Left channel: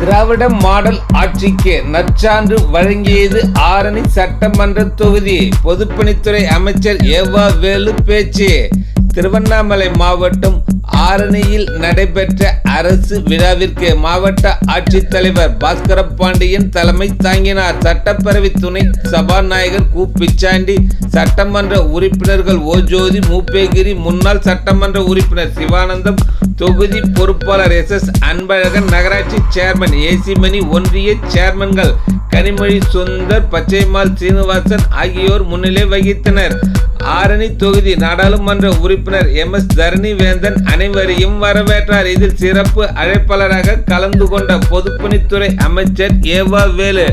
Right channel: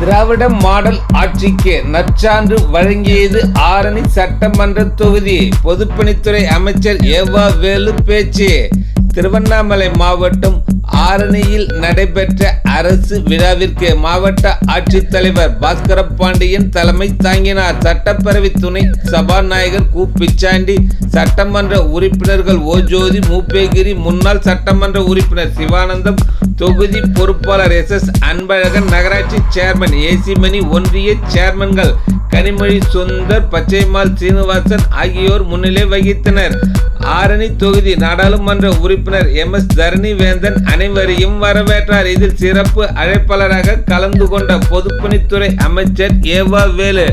திராவிட model ஆட்சிக்கு நற்சான்று வழங்கியது ஆரணி சட்டமன்ற தொகுதி. பொதுப்பணித்துறை அமைச்சர் ஏவா வேலு பேச்சு. திருவண்ணாமலை மாவட்டம் ஆரணியில் நடைபெற்ற அரசு விழாவிற்கு மாவட்ட ஆட்சித்தலைவர் பாஸ்கர பாண்டியன் தலைமை தாங்கினார். சட்டப்பேரவை துணை சபாநாயகர் கு. பிச்சாண்டி சட்டமன்ற உறுப்பினர்கள் ஓ. ஜோதி மூப்பேகிரி முன்னாள் சட்டமன்ற உறுப்பினர் சிவானந்தம் தொகுதி பொறுப்பாளர் எஸ் எஸ் அன்பழகன் நகராட்சி சேர்மன் ஏசி மணி ஒன்றிய சேர்மன்கள் கனிமொழி சுந்தர் பச்சைமால் சீனிவாசன் ஆகியோர் முன்னிலை வகித்தனர். ஆரணி தொகுதி நாடாளுமன்ற உறுப்பினர் எம் எஸ் தரணி வேந்தன் அனைவரையும் வரவேற்றார். இதில் சிறப்பு அழைப்பாளராக கலந்து கொண்ட பொதுப்பணித்துறை அமைச்சர் ஏவா வேலு.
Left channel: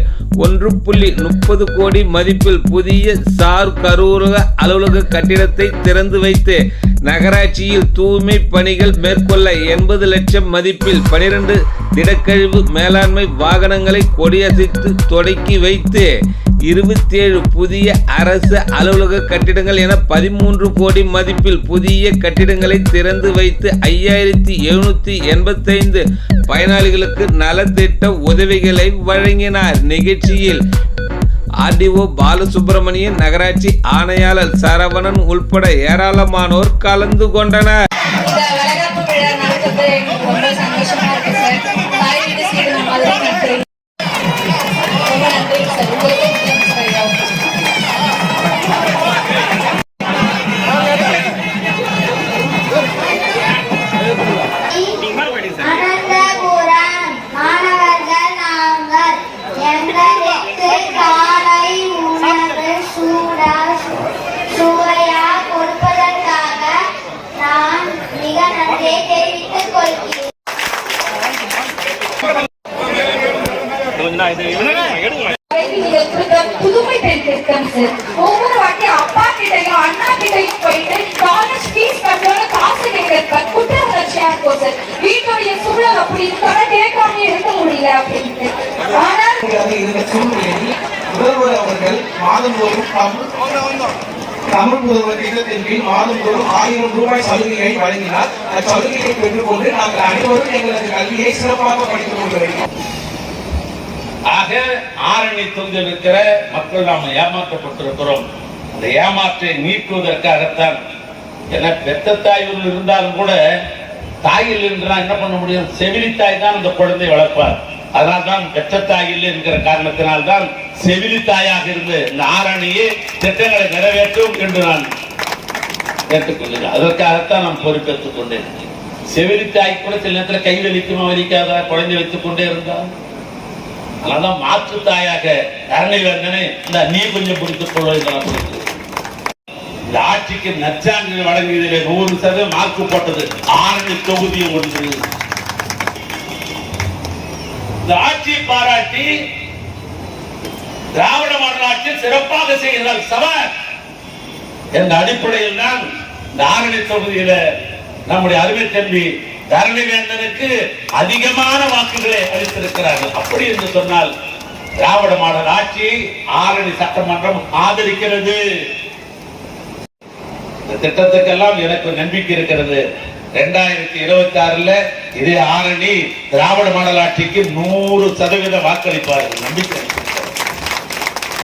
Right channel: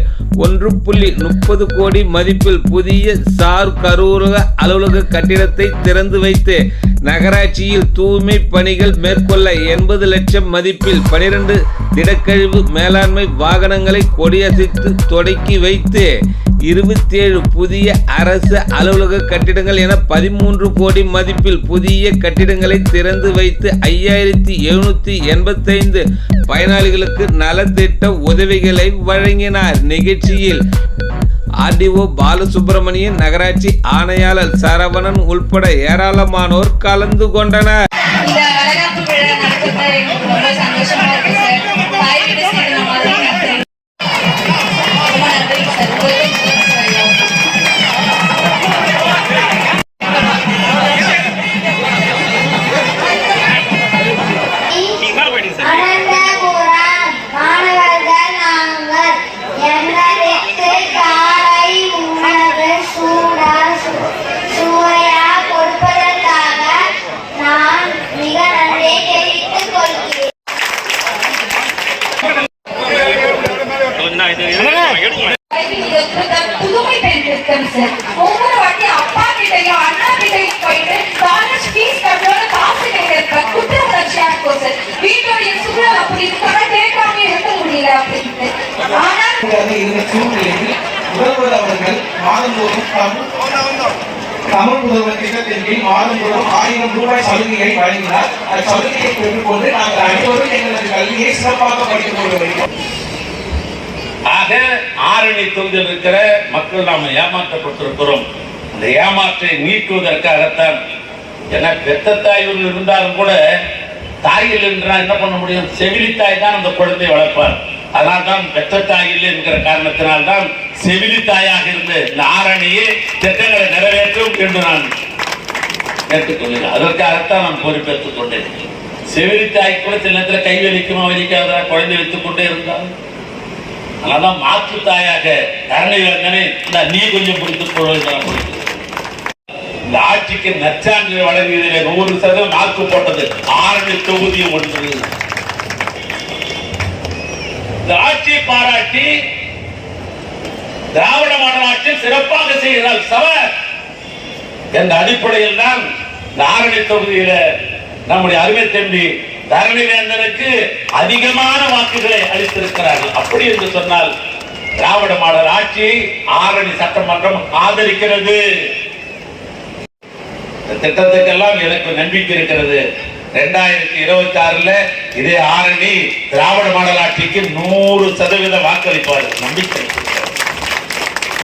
ஒன்று புள்ளி முப்பது கோடி மதிப்பில் புதிய சார் கரூரக அலுவலக கட்டிடத்தை திறந்து வைத்து நகராட்சியில் தூய்மை பணிகள் மேற்கொள்ள எண்பது லட்சம் மதிப்பில் பனிரெண்டு திடக்கழிவு மேலாண்மை வாகனங்களை கொடியசைத்து தொடக்கி வைத்து இருபத்தேழு புதிய அரசு அலுவலக கட்டிடங்கள் என பதிமூன்று கோடி மதிப்பில் புதிய கட்டிடங்களை திறந்து வைத்து ஐயாயிரத்தி எழுநூற்றி எண்பத்தைந்து பயனாளிகளுக்கு நலத்திட்ட உதவிகளை வழங்கினார். நிகழ்ச்சியில் ஆர்டிஓ பாலசுப்பிரமணியன் நகராட்சி ஆணையாளர் சரவணன் உள்பட ஏராளமானோர் கலந்து கொண்டனர். புதுமை சார் ஒவ்வொரு வாட்டி அப்பா கிட்டையும் அண்ணா கிட்டையும் போயிட்டு காலேஜ் ஃபீஸ் காசு குற்ற உணர்ச்சியா இருக்கும் சார் வீட்டுடைய சூழல் அப்படி இருக்கான கேட்காம இருக்க முடியல அப்படின்ட்டு ஆனால் இருந்த சூழ்நிலையில் முதல்வர் அவர்கள் மாதந்தோறும் தமிழ் தமிழ் முதல்வர் திட்டத்தின் கீழ் மாதந்தோறும் ஆயிரம் ரூபாய் சலுகையை வழங்கினார் அந்த சலுகையை பெற்றுக்கொண்டு நாங்கள் அனைவரும் எங்களது கல்வியை சிறப்பாக படித்துக் கொள்ள வேண்டும் ஆக ஆரணி தொகுதியில் இருக்கிற மக்கள் நாம் ஏமாற்றப்பட்டிருக்கிறோம். இந்த ஏமாற்றை நீக்குவதற்காகத்தான் என பெத்த தாய் இருந்தாலும் கூட தாயில் இருந்தால் என்ன பண்ண முடியும்? செவிலி தாய் தான் அந்த குழந்தையை வளர்ப்பார். அதனால் தான் பெற்ற தாய் என்கிற காரணத்தினால் தான் செவிலி தாயாக இருந்து இந்த ஆரணியை திட்டங்களை நிறைவேற்றும் என்று நான் ஏற்றுக்கொள்கிறேன் அதற்காகத்தான் நான் பொறுப்பேற்றுக் கொண்டேன். செவிலி தாய் கூட சில நேரத்தில் கை வலிக்குமா வலிக்காதா? குழந்தை வைத்துக் கொண்டே இருந்தால் மனம் மாற்று தாயாக கருணை இந்த நீ கொஞ்சம் பிடித்துக் கொள்ள இந்த ஆட்சிக்கு நற்சான்று வழங்கியதிலே நூறு சதவீதம் மார்க்கு போட்டது. ஆரணி தொகுதி ஒன்று. இந்த ஆட்சியை பாராட்டி திராவிட மாடல் ஆட்சி சிறப்பாக செய்கிறார் சவர் என்ற அடிப்படையில் தான் இந்த ஆரணி தொகுதியில நம்முடைய அருமை தம்பி தரணிவேந்தனுக்கு அதிகமான வாக்குகளை அளித்திருக்கிறார்கள். அப்படி என்று சொன்னால் திராவிட மாடல் ஆட்சியை ஆரணி சட்டமன்றம் ஆதரிக்கிறது. இந்த திட்டத்துக்கெல்லாம் எனக்கு நம்பிக்கை இருக்கிறது. ரெண்டாயிரத்தி இருபத்தி ஆறுல இதே ஆரணி திராவிட மாடல் ஆட்சிக்கு நூறு சதவீத வாக்களிப்பார்கள். நம்பிக்கை.